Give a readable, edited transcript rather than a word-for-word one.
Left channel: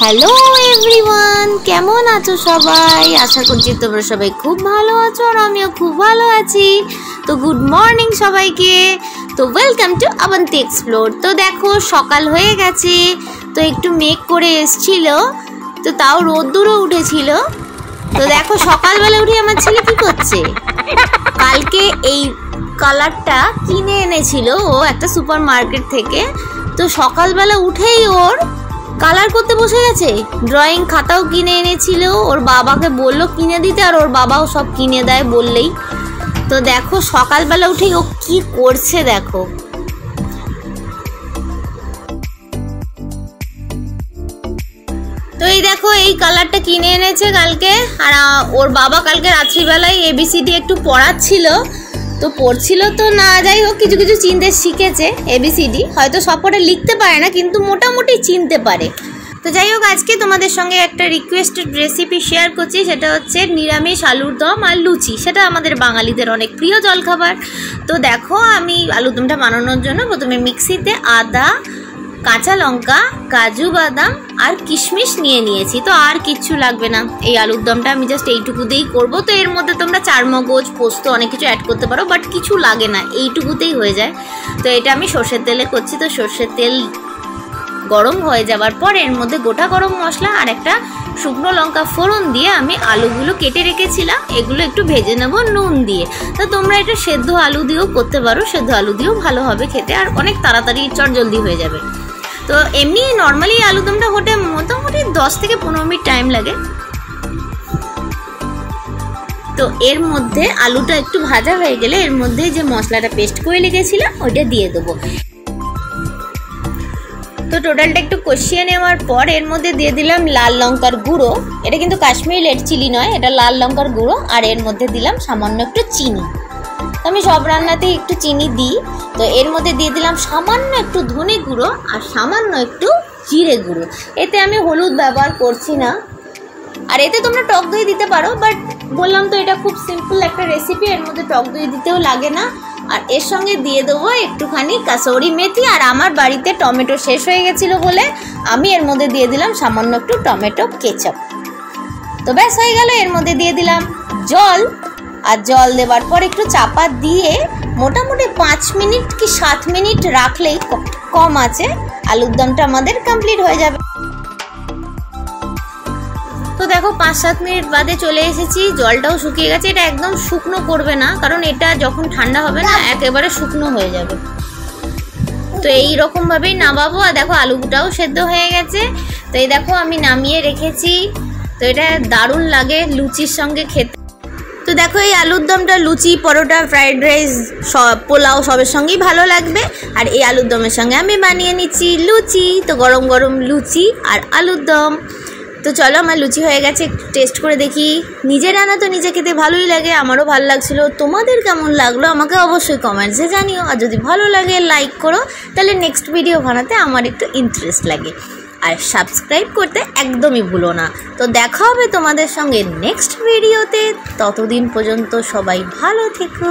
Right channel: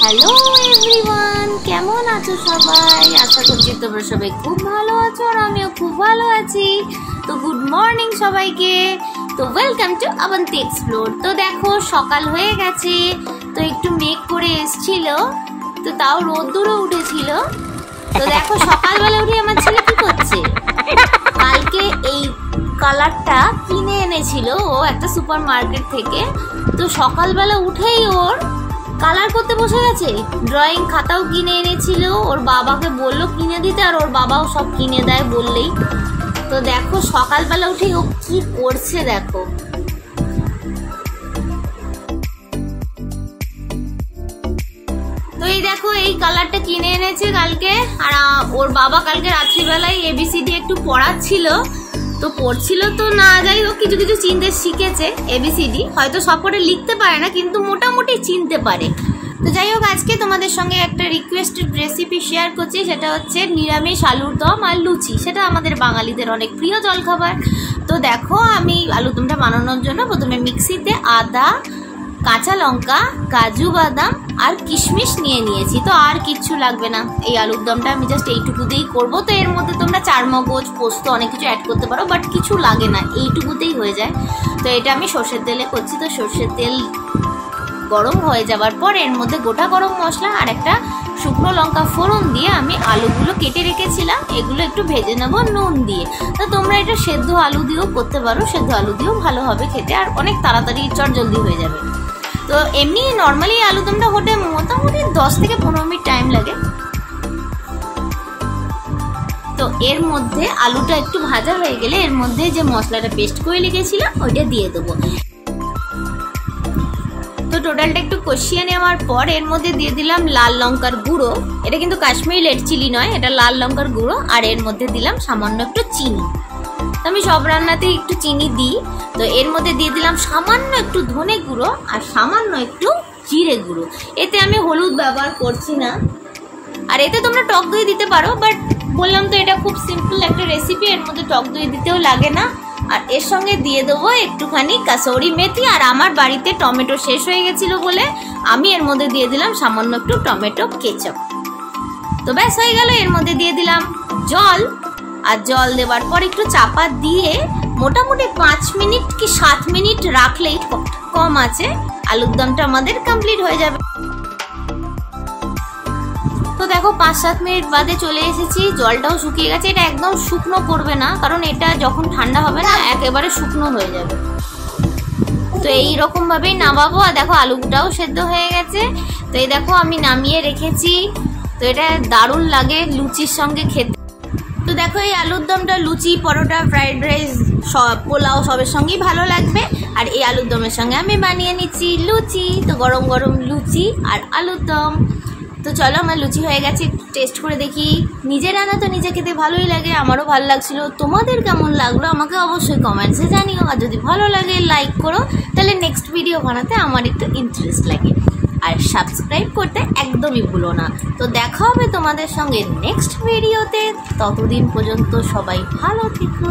Hello everyone, কেমন আছো সবাই? আশা করছি তোমরা সবাই খুব ভালো আছো আর আমিও খুব ভালো আছি। তো গুড মর্নিং সবাইকে। তো ওয়েলকাম টু আবন্তি এক্সপ্লোর। তো দেখো সকাল হয়ে গেছে, তো একটু মেঘ করে এসছিল, তো তাও রোদ্দুরও উঠেছিল। তো দেখো সকালবেলা উঠে আমার ছেলে কি করছে, কালকে এই কালারটা কিনে এনেছিল ও একটা সুপার মার্কেট থেকে। তো সকালবেলা উঠেই ওর কালার করতে বসে গেছে। ড্রয়িং খাতাও কিনে এনেছিল, ওর বাবাকে বললো কিনে দিতে, আর ওর বাবাও সব কিনে দেয় বললেই। তো দেখো সকালবেলা উঠেই ও কি করছে দেখো। তো এই দেখো এই কালারটা কিনে এনেছে কালকে, আর ওর বাবা কালকে রাত্রিবেলায় ABCD একটু পড়াচ্ছিল, তো পড়ছিল তো না, যাই হোক কিছু কিছু চিনতে শিখেছে। ABCD হয়তো সবকটা লিখতে পারে না, কিন্তু মোটামুটি চিনতে পারে। তো যাই হোক আজকে তোমাদের সঙ্গে একটা রিকোয়েস্টেড রেসিপি শেয়ার করছি, সেটা হচ্ছে নিরামিষ আলুর দম আর লুচি। সেটা আমাদের বাঙালিদের অনেক প্রিয় জলখাবার। তো দেখো আমি আলুর দমটা বানানোর জন্য প্রথমে মিক্সিতে আদা, কাঁচা লঙ্কা, কাজু বাদাম আর কিশমিশ নিয়ে নিয়েছি। তো আর কিচ্ছু লাগবে না, এই আলুর দমটা আমি জাস্ট এইটুকু দিয়েই করবো। তো এর মধ্যে তোমরা চারমগজ, পোস্ত অনেক কিছু অ্যাড করতে পারো, বাট কিছু লাগে না, এইটুকুতেই হয়ে যায়। তো এটা আমি সর্ষের তেলে করছি। তো সর্ষের তেল গরম হয়ে যাওয়ার পর এর মধ্যে গোটা গরম মশলা আর একটা শুকনো লঙ্কা ফোড়ন দিয়ে আমি আলুগুলো কেটে রেখেছিলাম, এগুলো একটু ভেজে নেবো নুন দিয়ে। তো তোমরা এটা সেদ্ধ আলু দিয়েও করতে পারো, সেদ্ধ আলু দিয়েও ভালো হবে খেতে, আর অনেক তাড়াতাড়ি চটজলদি হয়ে যাবে। তো এমনি নর্মালি আলুদমটা হতে মোটামুটি 10 থেকে 15 মিনিট টাইম লাগে। তো এর মধ্যে আলুটা একটু ভাজা হয়ে গেলে এর মধ্যে যে মশলাটা পেস্ট করে রেখেছিলাম ওইটা দিয়ে দেবো। তো টোটালটা একটু কষিয়ে নেওয়ার পর এর মধ্যে দিয়ে দিলাম লাল লঙ্কার গুঁড়ো। এটা কিন্তু কাশ্মীরি রেড চিলি নয়, এটা লাল লঙ্কার গুঁড়ো। আর এর মধ্যে দিলাম সামান্য একটু চিনি। আমি সব রান্নাতেই একটু চিনি দিই। তো এর মধ্যে দিয়ে দিলাম সামান্য একটু ধনে গুঁড়ো আর সামান্য একটু জিরে গুঁড়ো। এতে আমি হলুদ ব্যবহার করছি না, আর এতে তোমরা টক দই দিতে পারো, বাট বললাম তো এটা খুব সিম্পল একটা রেসিপি, এর মধ্যে টক দই দিতেও লাগে না। আর এর সঙ্গে দিয়ে দেবো একটুখানি কাসৌরি মেথি। আর আমার বাড়িতে টমেটো শেষ হয়ে গেছিলো বলে আমি এর মধ্যে দিয়ে দিলাম সামান্য একটু টমেটো কেচাপ। তো ব্যাস হয়ে গেল। এর মধ্যে দিয়ে দিলাম জল, আর জল দেওয়ার পর একটু চাপা দিয়ে মোটামুটি 5 মিনিট কি 7 মিনিট রাখলেই কম আছে আলুর দমটা আমাদের কমপ্লিট হয়ে যাবে। তো দেখো 5-7 মিনিট বাদে চলে এসেছি, জলটাও শুকিয়ে গেছে। এটা একদম শুকনো করবে না, কারণ এটা যখন ঠান্ডা হবে না একেবারে শুকনো হয়ে যাবে। তো এই রকম ভাবেই নামাবো। আর দেখো আলুটাও সেদ্ধ হয়ে গেছে। তো এই দেখো আমি নামিয়ে রেখেছি। তো এটা দারুণ লাগে লুচির সঙ্গে খেতে। তো দেখো এই আলুর দমটা লুচি, পরোটা, ফ্রাইড রাইস, পোলাও সবের সঙ্গেই ভালো লাগবে। আর এই আলুর দমের সঙ্গে আমি বানিয়ে নিচ্ছি লুচি। তো গরম গরম লুচি আর আলুর দম। তো চলো আমার লুচি হয়ে গেছে, একটু টেস্ট করে দেখি। নিজে রান্না তো নিজে খেতে ভালোই লাগে, আমারও ভালো লাগছিল। তোমাদের কেমন লাগলো আমাকে অবশ্যই কমেন্টসে জানিও। আর যদি ভালো লাগে লাইক করো, তাহলে নেক্সট ভিডিও বানাতে আমার একটু ইন্টারেস্ট লাগে। আর সাবস্ক্রাইব করতে একদমই ভুলো না। তো দেখা হবে তোমাদের সঙ্গে নেক্সট ভিডিওতে। ততদিন পর্যন্ত সবাই ভালো থেকো।